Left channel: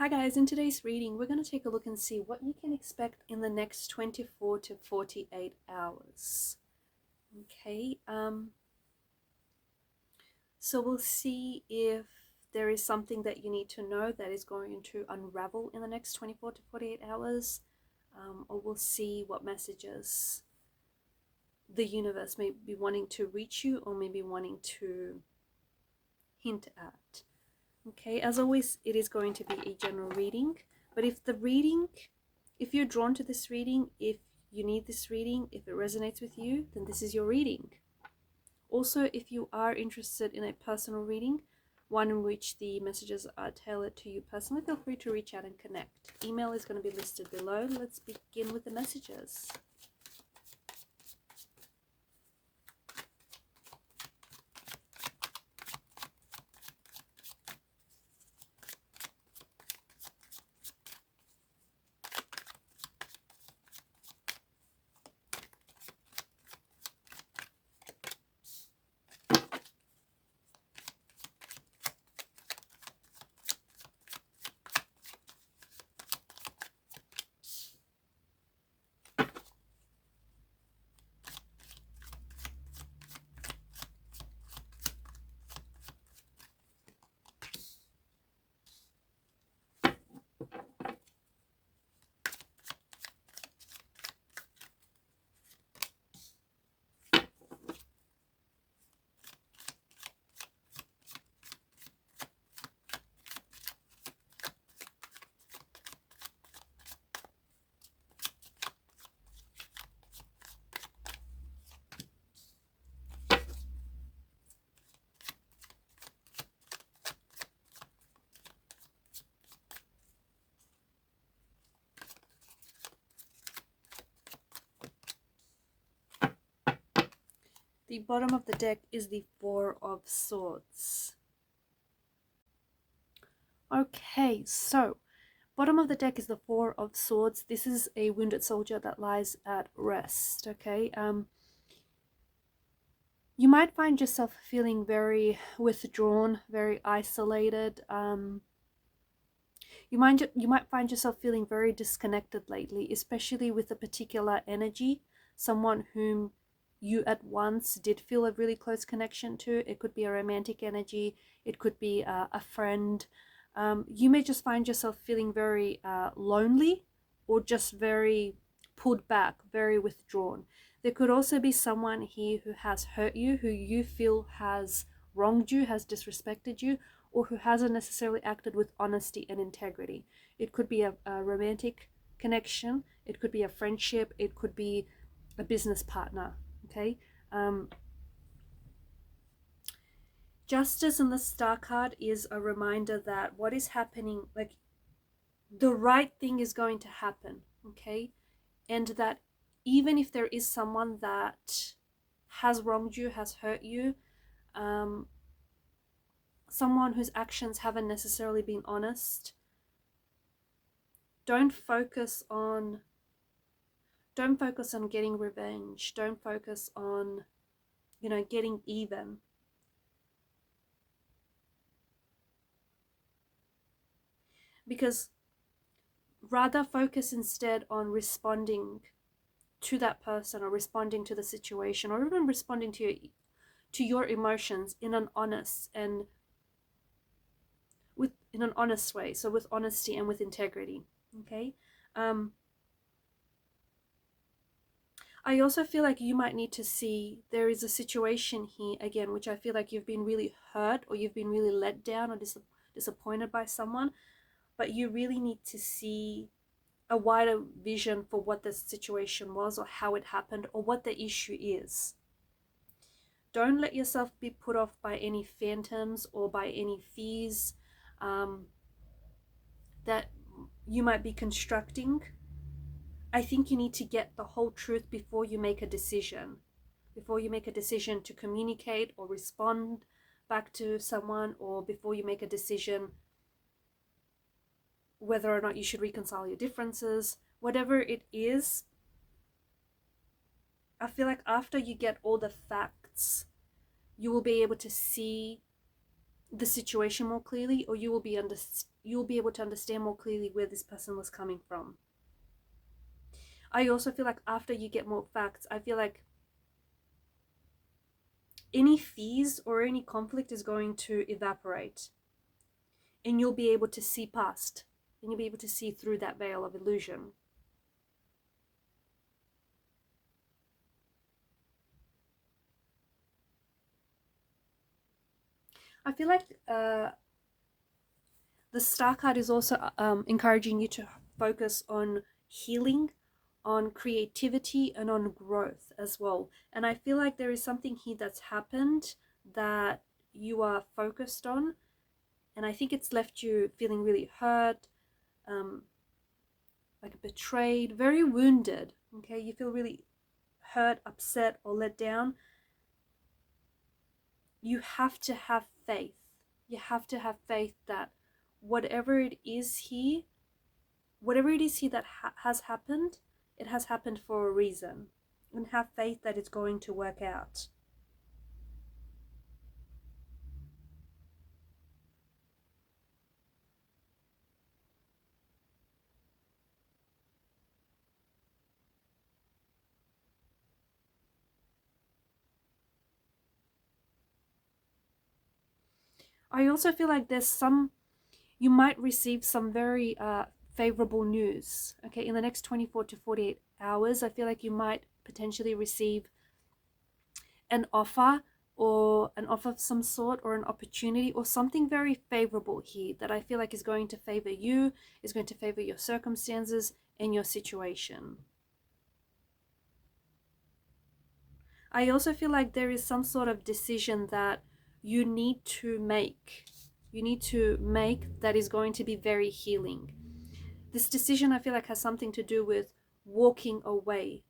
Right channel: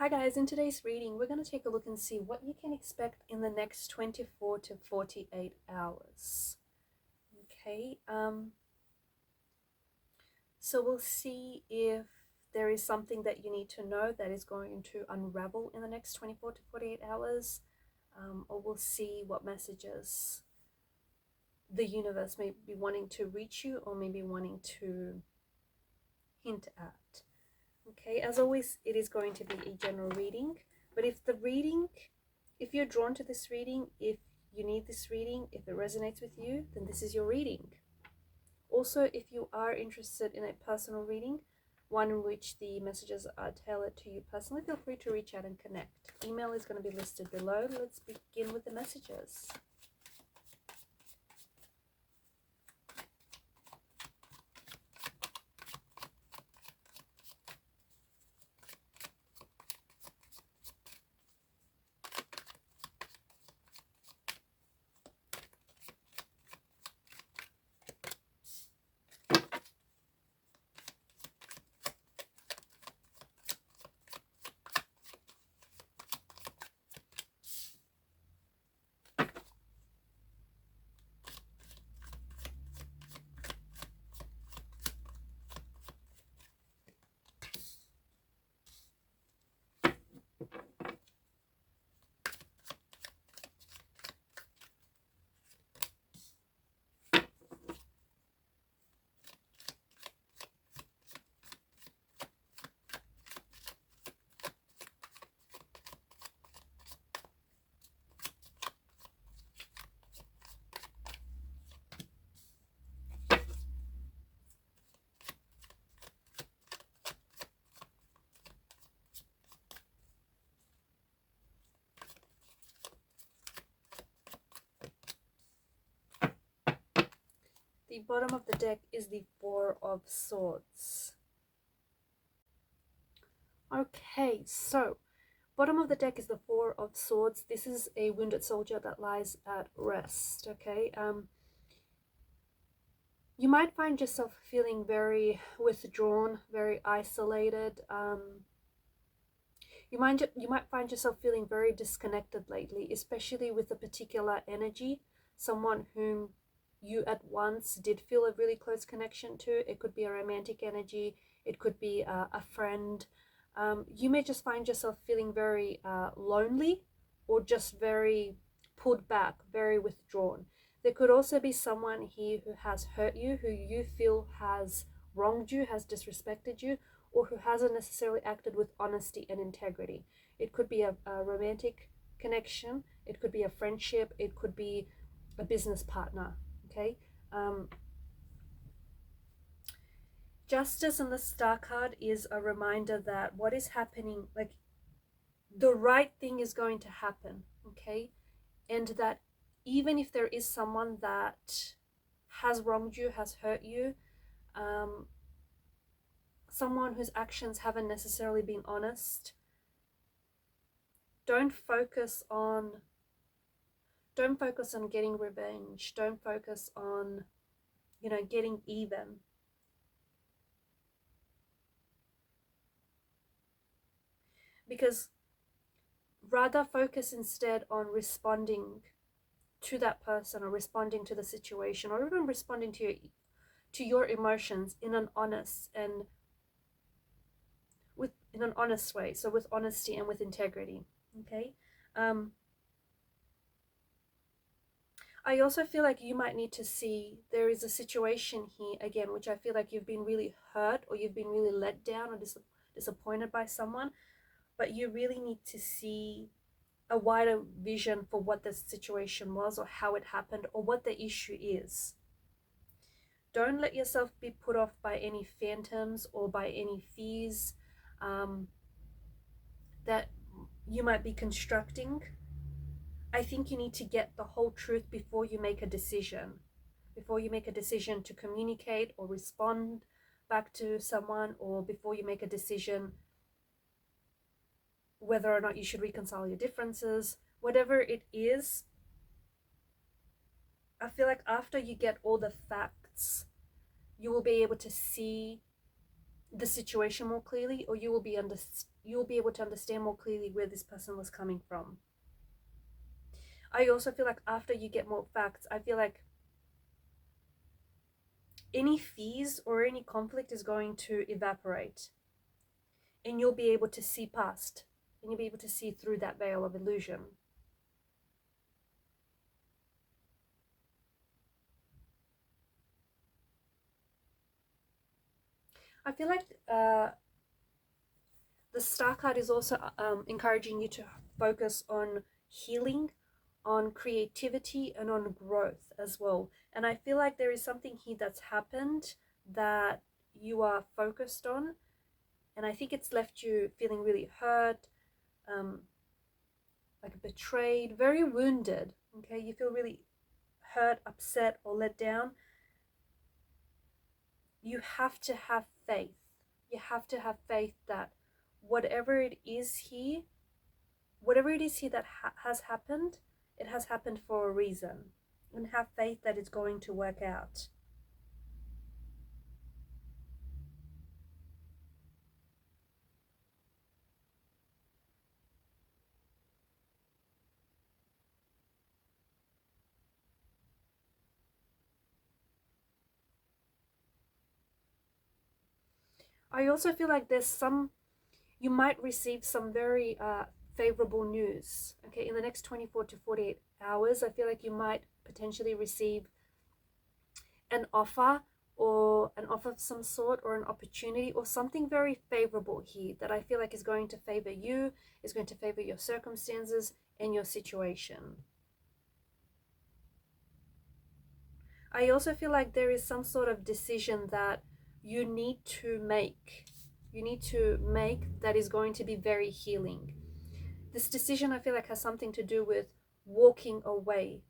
Hi guys, in today's reading we're going to take a look and see what you can expect in the next 24 to 48 hours. Okay, so we'll see if there is something that you need to know that is going to unravel in the next 24 to 48 hours, or we'll see what messages the universe may be wanting to reach you or maybe wanting to hint at. Okay, as always, it is going to be a general reading, but if you're drawn to this reading, if you need this reading, if it resonates with you, then this is your reading. Also, if you are interested in a personal reading, one in which the messages are tailored to you personally, feel free to reach out and connect. Email is going to be listed below. Let's begin with the messages. The bottom of the deck is the Four of Swords. Okay, so bottom of the deck is the Four of Swords. This is a wounded soldier that lies at rest. Okay, you might find yourself feeling very withdrawn, very isolated. You might find yourself feeling very disconnected lately, especially with a particular energy, someone whom you at once did feel a really close connection to. It could be a romantic energy, it could be a friend. You may just find yourself feeling very lonely, or just very pulled back, very withdrawn. There could also be someone here who has hurt you, who you feel has wronged you, has disrespected you, or who hasn't necessarily acted with honesty and integrity. It could be a romantic connection, it could be a friendship, it could be a business partner. Okay, Justice in the Star card is a reminder that what is happening, like, the right thing is going to happen. Okay, and that even if there is someone that has wronged you, has hurt you, someone whose actions haven't necessarily been honest, don't focus on getting revenge. Don't focus on, getting even. Because rather focus instead on responding to that person, or responding to the situation, or even responding to your emotions in an honest way. So with honesty and with integrity. Okay. I also feel like you might need to see, there is a situation here again, which I feel like you've been really hurt, or you've been really let down or disappointed by someone, but you really need to see a wider vision for what the situation was, or how it happened, or what the issue is. Don't let yourself be put off by any phantoms or by any fears that you might be constructing. I think you need to get the whole truth before you make a decision. Before you make a decision to communicate or respond back to someone, or before you make a decision whether or not you should reconcile your differences, whatever it is, I feel like after you get all the facts, you will be able to see the situation more clearly, or you will be you'll be able to understand more clearly where this person was coming from. I also feel like after you get more facts, I feel like any fears or any conflict is going to evaporate, and you'll be able to see past, and you'll be able to see through that veil of illusion. I feel like the Star card is also encouraging you to focus on healing, on creativity, and on growth as well. And I feel like there is something here that's happened that you are focused on, and I think it's left you feeling really hurt, like betrayed, very wounded. Okay, you feel really hurt, upset, or let down. You have to have faith. You have to have faith that whatever it is here that has happened, it has happened for a reason. And have faith that it's going to work out. I also feel like you might receive some very favorable news. Okay, in the next 24 to 48 hours, I feel like you might potentially receive an offer, or an offer of some sort, or an opportunity, or something very favorable here that I feel like is going to favor you, is going to favor your circumstances and your situation. I also feel like there is some sort of decision that you need to make. You need to make that is going to be very healing. This decision, I feel like, has something to do with walking away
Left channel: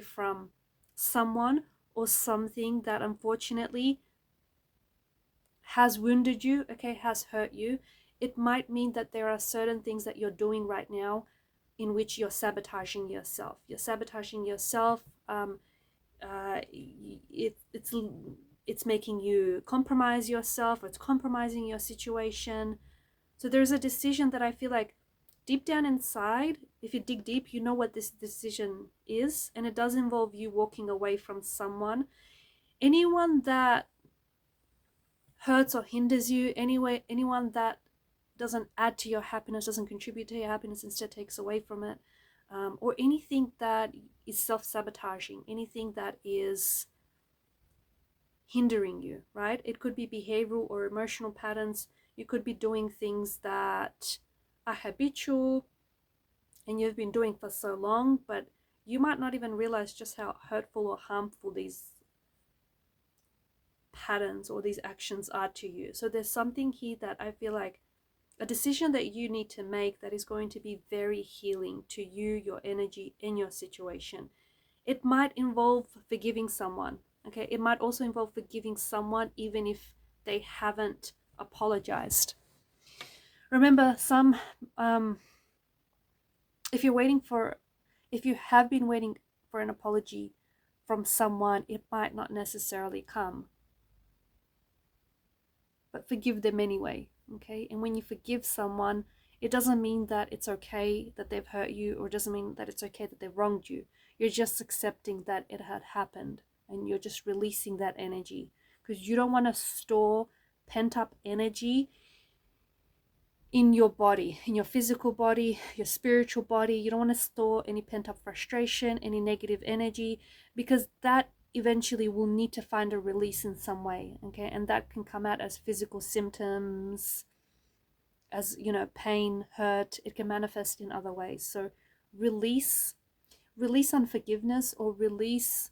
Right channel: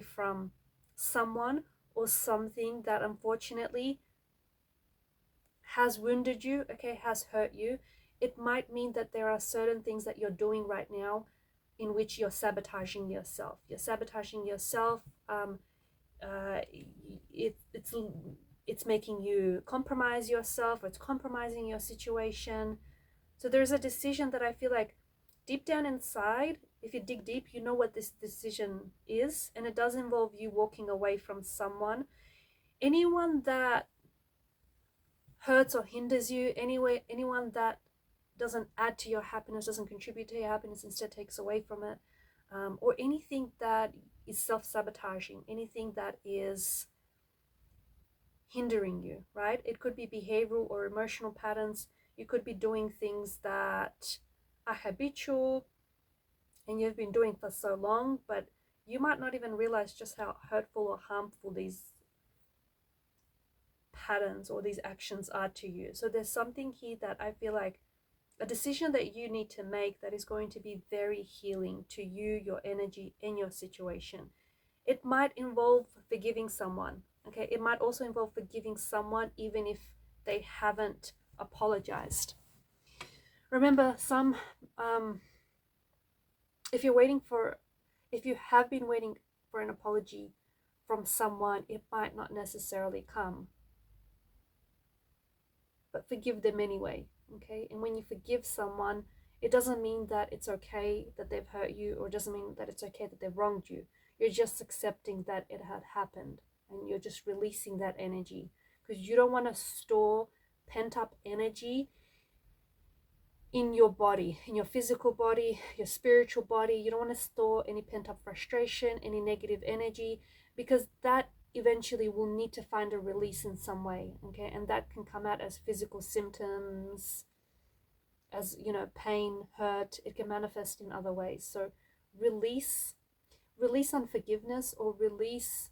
from someone or something that unfortunately has wounded you, okay, has hurt you. It might mean that there are certain things that you're doing right now in which you're sabotaging yourself. You're sabotaging yourself. It's making you compromise yourself, or it's compromising your situation. So there's a decision that I feel like deep down inside, if you dig deep, you know what this decision is, and it does involve you walking away from someone, anyone that hurts or hinders you, anyone that doesn't add to your happiness, doesn't contribute to your happiness, instead takes away from it, or anything that is self-sabotaging, anything that is hindering you, right? It could be behavioral or emotional patterns. You could be doing things that are habitual and you've been doing for so long, but you might not even realize just how hurtful or harmful these patterns or these actions are to you. So there's something here that I feel like a decision that you need to make that is going to be very healing to you, your energy, and your situation. It might involve forgiving someone, okay? It might also involve forgiving someone even if they haven't apologized. Remember, if you have been waiting for an apology from someone, it might not necessarily come. But forgive them anyway, okay? And when you forgive someone, it doesn't mean that it's okay that they've hurt you, or it doesn't mean that it's okay that they've wronged you. You're just accepting that it had happened, and you're just releasing that energy, because you don't want to store pent-up energy in your body, in your physical body, your spiritual body. You don't want to store any pent-up frustration, any negative energy, because that eventually will need to find a release in some way, okay? And that can come out as physical symptoms, as, you know, pain, hurt. It can manifest in other ways. So release unforgiveness, or release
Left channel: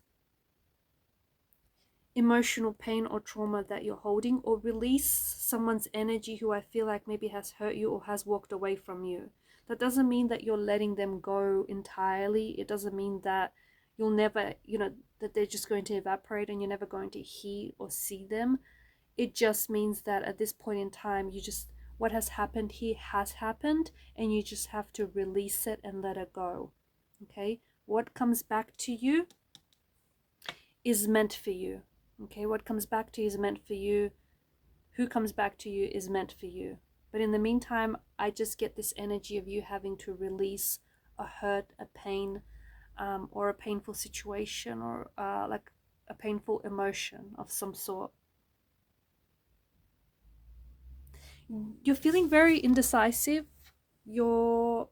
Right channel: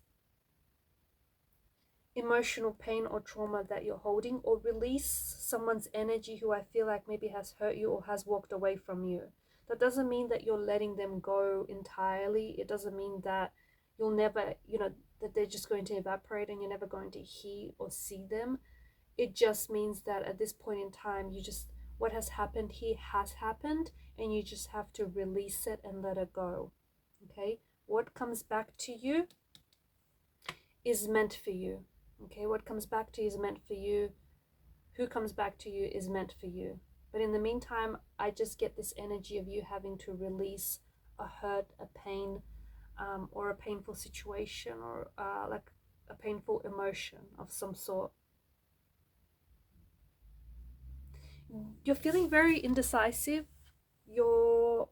emotional pain or trauma that you're holding, or release someone's energy who I feel like maybe has hurt you or has walked away from you. That doesn't mean that you're letting them go entirely. It doesn't mean that you'll never, that they're just going to evaporate and you're never going to hear or see them. It just means that at this point in time, what has happened here has happened, and you just have to release it and let it go, okay? What comes back to you is meant for you, okay? What comes back to you is meant for you. Who comes back to you is meant for you. But in the meantime, I just get this energy of you having to release a hurt, a pain, or a painful situation, or like a painful emotion of some sort. You're feeling very indecisive. You're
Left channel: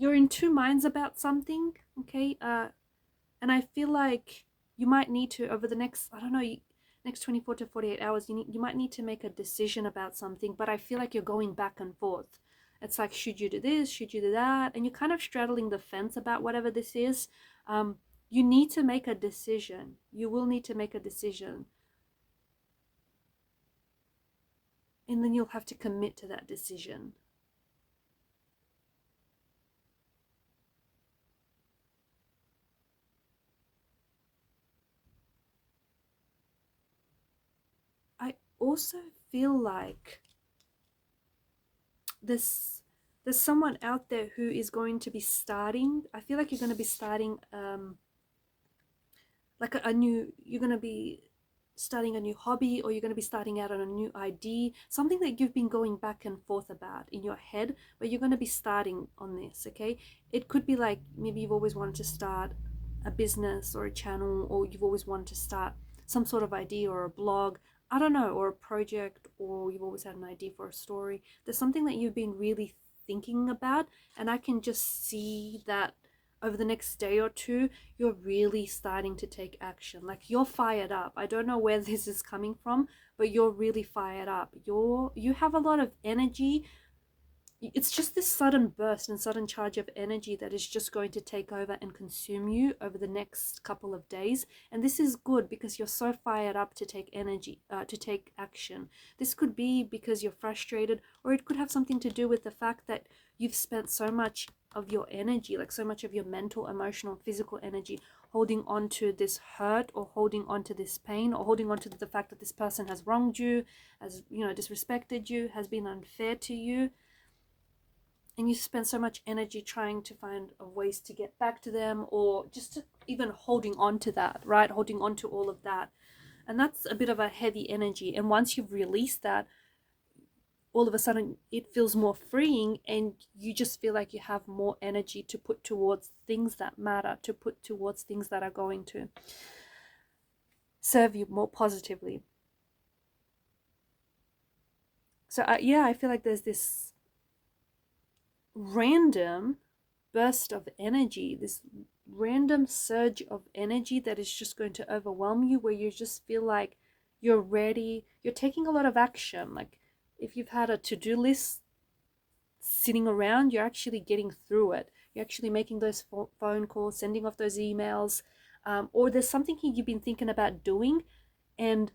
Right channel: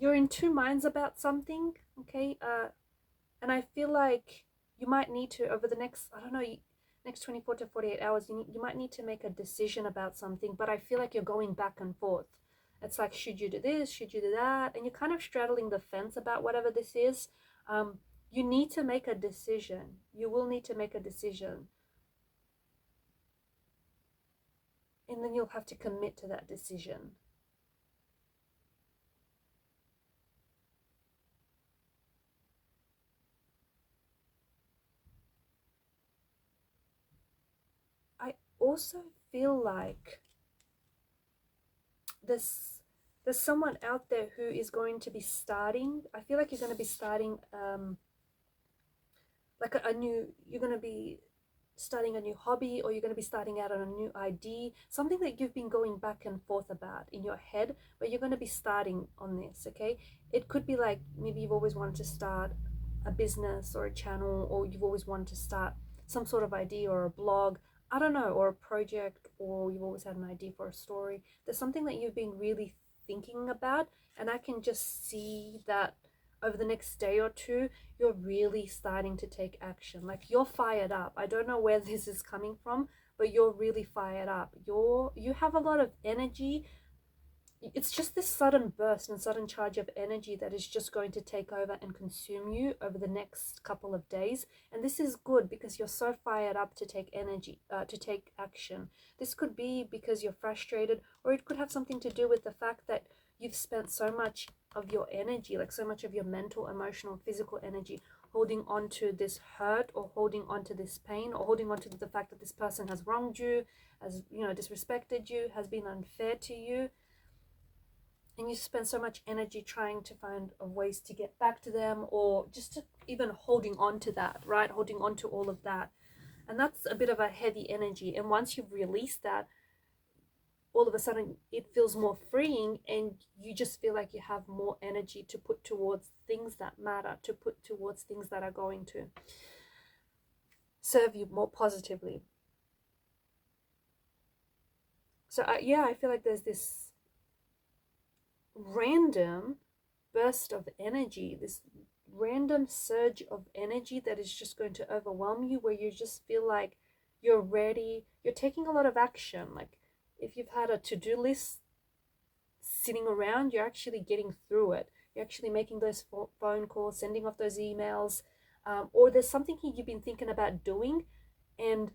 in two minds about something, okay? And I feel like you might need to, over the next, I don't know, next 24 to 48 hours, you might need to make a decision about something, but I feel like you're going back and forth. It's like, should you do this? Should you do that? And you're kind of straddling the fence about whatever this is. You need to make a decision. You will need to make a decision. And then you'll have to commit to that decision. I also feel like there's someone out there who is going to be starting. I feel like you're going to be starting like you're going to be starting a new hobby, or you're going to be starting out on a new idea, something that you've been going back and forth about in your head, but you're going to be starting on this, okay? It could be like maybe you've always wanted to start a business or a channel, or you've always wanted to start some sort of idea or a blog, I don't know, or a project, or you've always had an idea for a story. There's something that you've been really thinking about, and I can just see that over the next day or two, you're really starting to take action. Like, you're fired up. I don't know where this is coming from, but you're really fired up. You have a lot of energy. It's just this sudden burst and sudden charge of energy that is just going to take over and consume you over the next couple of days. And this is good because you're so fired up to take to take action. This could be because you're frustrated, or it could have something to do with the fact that you've spent so much of your energy, like so much of your mental, emotional, physical energy, holding on to this hurt, or holding on to this pain, or holding on to the fact that this person has wronged you, has, disrespected you, has been unfair to you. And you spend so much energy trying to find ways to get back to them, or just even holding on to that, right? Holding on to all of that. And that's a bit of a heavy energy. And once you've released that, all of a sudden it feels more freeing, and you just feel like you have more energy to put towards things that matter, to put towards things that are going to serve you more positively. So yeah, I feel like there's this random burst of energy, this random surge of energy that is just going to overwhelm you, where you just feel like you're ready, you're taking a lot of action. Like, if you've had a to-do list sitting around, you're actually getting through it. You're actually making those phone calls, sending off those emails, or there's something you've been thinking about doing, and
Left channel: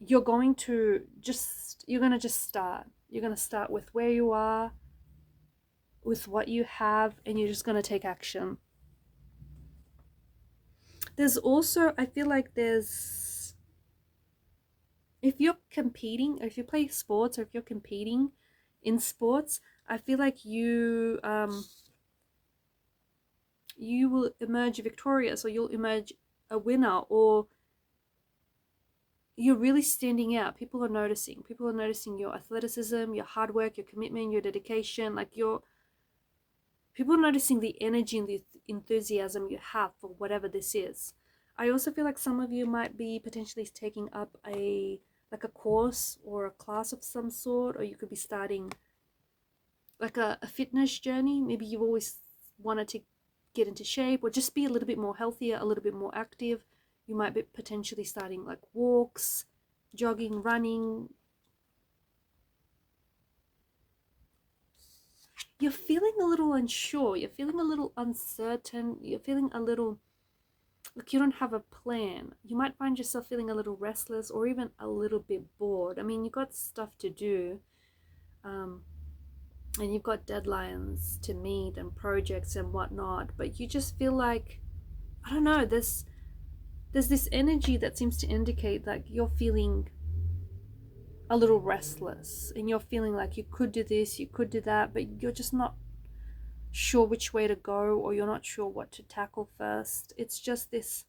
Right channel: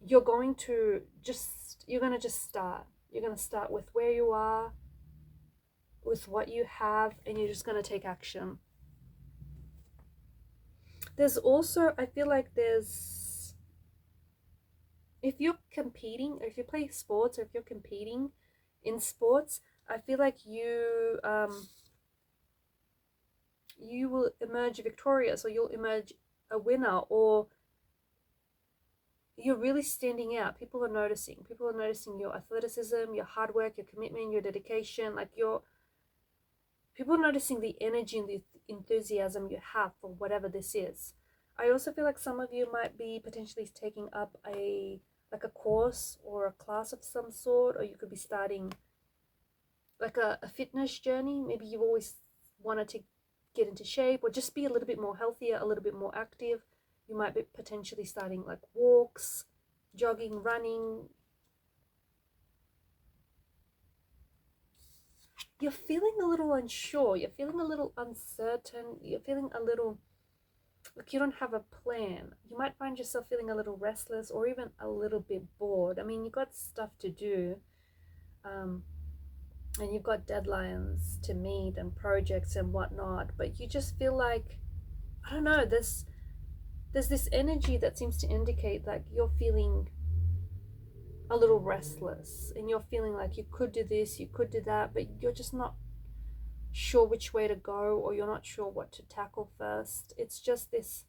you're going to just start. You're going to start with where you are, with what you have, and you're just going to take action. There's also, I feel like if you're competing, or if you play sports, or if you're competing in sports, I feel like you will emerge victorious, or you'll emerge a winner, or you're really standing out. People are noticing your athleticism, your hard work, your commitment, your dedication. Like, people are noticing the energy and the enthusiasm you have for whatever this is. I also feel like some of you might be potentially taking up a course or a class of some sort, or you could be starting like a fitness journey. Maybe you've always wanted to get into shape, or just be a little bit more healthier, a little bit more active. You might be potentially starting like walks, jogging, running. You're feeling a little unsure, you're feeling a little uncertain, you're feeling a little like you don't have a plan. You might find yourself feeling a little restless, or even a little bit bored. I mean, you've got stuff to do, and you've got deadlines to meet and projects and whatnot, but you just feel like, I don't know, there's this energy that seems to indicate like you're feeling a little restless, and you're feeling like you could do this, you could do that, but you're just not sure which way to go, or you're not sure what to tackle first. It's just this,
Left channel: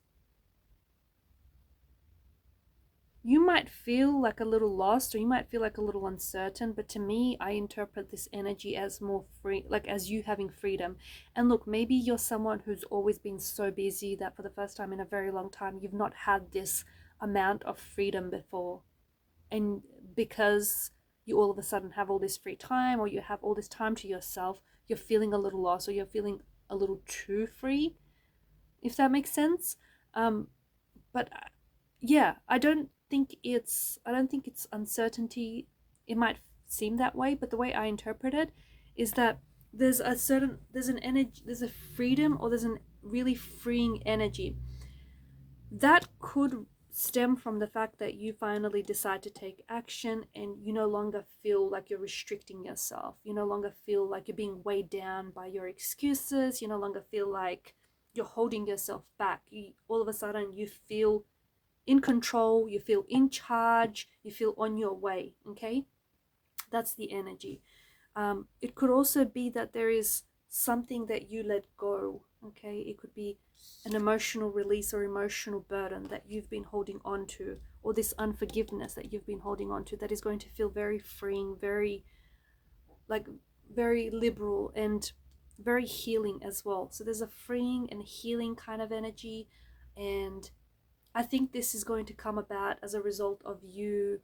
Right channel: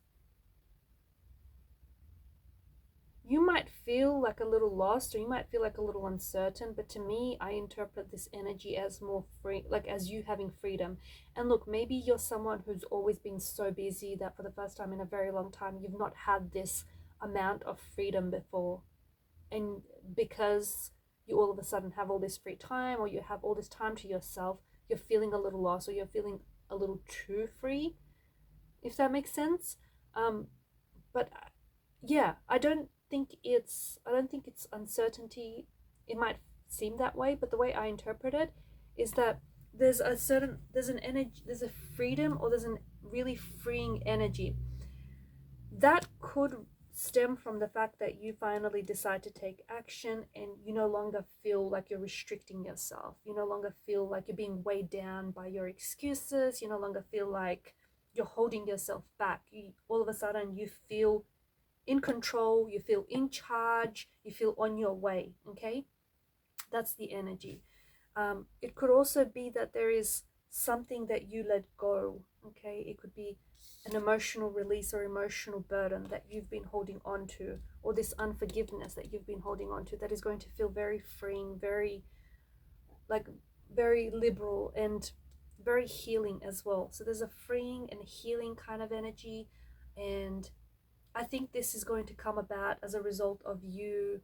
you might feel like a little lost, or you might feel like a little uncertain, but to me, I interpret this energy as more free, like as you having freedom. And look, maybe you're someone who's always been so busy that for the first time in a very long time, you've not had this amount of freedom before. And because you all of a sudden have all this free time, or you have all this time to yourself, you're feeling a little lost, or you're feeling a little too free, if that makes sense. But yeah, I don't think it's uncertainty. It might seem that way, but the way I interpret it is that there's an energy, there's a freedom, or there's a really freeing energy that could stem from the fact that you finally decide to take action, and you no longer feel like you're restricting yourself. You no longer feel like you're being weighed down by your excuses. You no longer feel like you're holding yourself back. All of a sudden you feel in control, you feel in charge, you feel on your way. Okay, that's the energy. It could also be that there is something that you let go. Okay, it could be an emotional release or emotional burden that you've been holding on to, or this unforgiveness that you've been holding on to, that is going to feel very freeing, very like very liberal and very healing as well. So there's a freeing and healing kind of energy, and I think this is going to come about as a result of you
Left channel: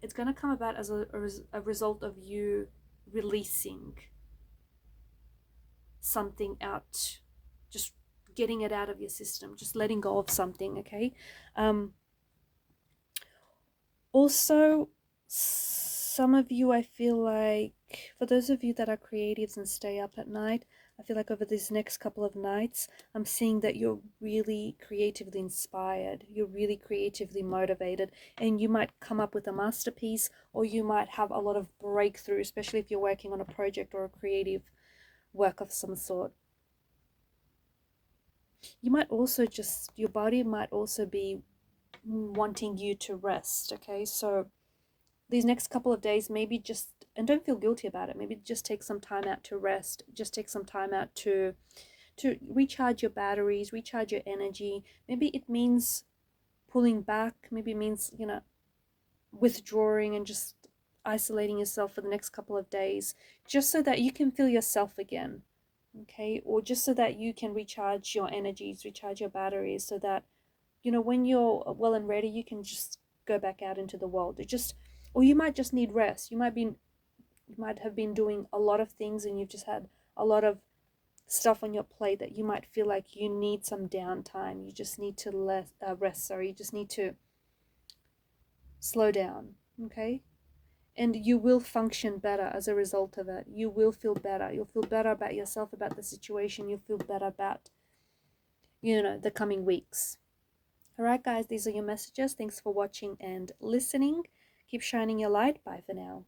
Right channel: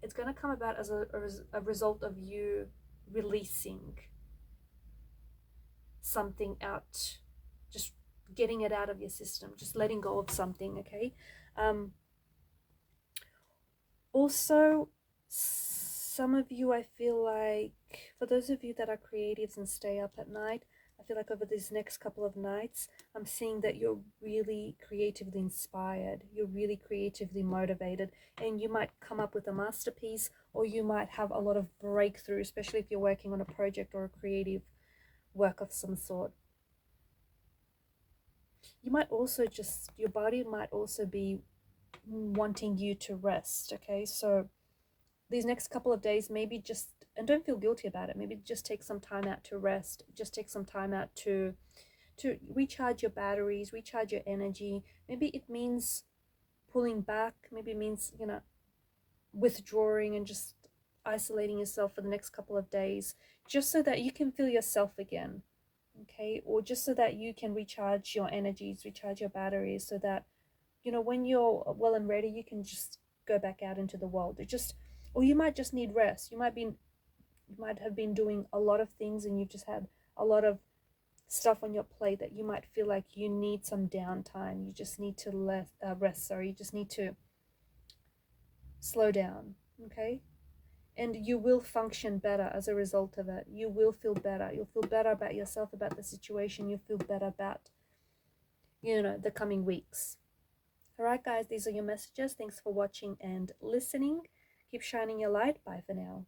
it's going to come about as a result of you releasing something out, just getting it out of your system, just letting go of something. Okay. Also, some of you, I feel like, for those of you that are creatives and stay up at night, I feel like over these next couple of nights, I'm seeing that you're really creatively inspired, you're really creatively motivated, and you might come up with a masterpiece, or you might have a lot of breakthrough, especially if you're working on a project or a creative work of some sort. You might also just, your body might also be wanting you to rest. Okay, so these next couple of days, maybe just, and don't feel guilty about it, maybe just take some time out to rest, just take some time out to recharge your batteries, recharge your energy. Maybe it means pulling back, maybe it means, you know, withdrawing and just isolating yourself for the next couple of days, just so that you can feel yourself again. Okay, or just so that you can recharge your energies, recharge your batteries, so that, you know, when you're well and ready, you can just go back out into the world. It just, or you might just need rest. You might have been doing a lot of things, and you've just had a lot of stuff on your plate that you might feel like you need some downtime. You just need to rest. Sorry, you just need to slow down. Okay, and you will function better as a result of it. You will feel better. You'll feel better about yourself, about the situation. You'll feel better about, you know, the coming weeks. All right, guys, these are your messages. Thanks for watching and listening. Keep shining your light. Bye for now.